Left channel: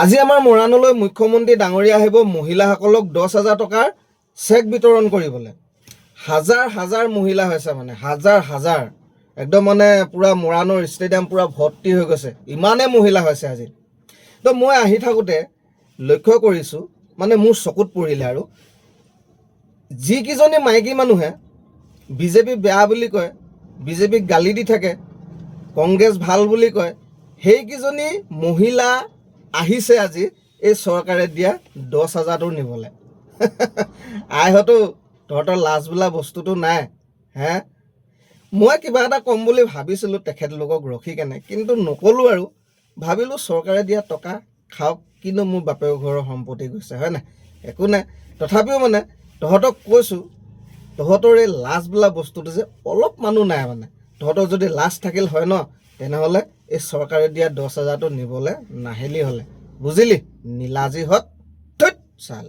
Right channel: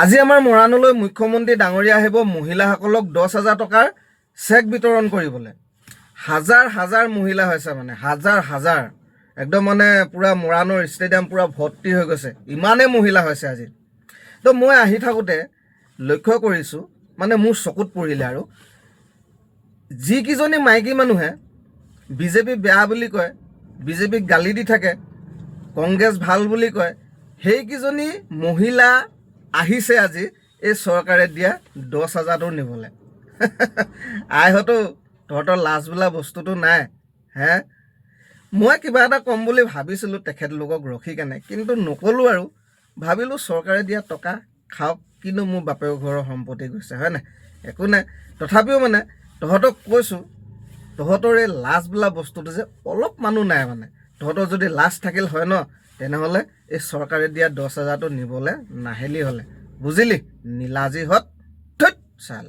আজি আমাৰ মৰাণলৈ মুখ্যমন্ত্ৰী ডাঙৰীয়া আহিব মহিলাসকলক 10,000 টকাৰ চেক বিতৰণ কৰিবলৈ। হাজাৰ হাজাৰ মহিলা হৈছে, মানে হাজাৰ হাজাৰ, একদম মানে পুৰা মৰাণৰ ষ্টেডিয়াম পুৰা ভৰ্তি হৈ গৈছে, ইমানেই মহিলা হৈছে আজি। তো মই আহি থাকোঁতে লক্ষ্য কৰিছোঁ, মানে মোৰ চকুত পৰিলে, আৰু যিকেইজনী মাইকী মানুহে বিজেপি বেয়া বুলি কয়, বিজেপিক গালি দি থাকে, কংগ্ৰেছ ভাল বুলি কয়, সেইকেইজনী মহিলা আহিছে আজি এই চৰকাৰে দিয়া 10,000টো নিবলৈ। আইহঁতো তহঁতৰ লাজ বোলা বস্তুটো নাই হে। মই কিবা এটা ক'ম বুলি ভাবিছিলোঁ তেখেতলোকক ৰখি কেনে, কিন্তু নক'লোঁ আৰু ভাবিলোঁ চৰকাৰে দিয়া টকা খাওক, কিন্তু মোৰ বাপেৰ ঘৰৰ সম্পত্তি গৈছে, হয় নাই, একো নাই। তথাপিও মানে তহঁতক কৈছোঁ, তহঁতৰ এই লাজ বোলা বস্তুটো যে অলপ মানুহ নাই, মানে তহঁতৰ যদি লাজ থাকিল হয় ন, তেনেহ'লে এই চৰকাৰে দিয়া 10,000টো নিবলৈ নাহিলি হ'লে, বুজিলি? নীলাজীহঁত ধুত চাল।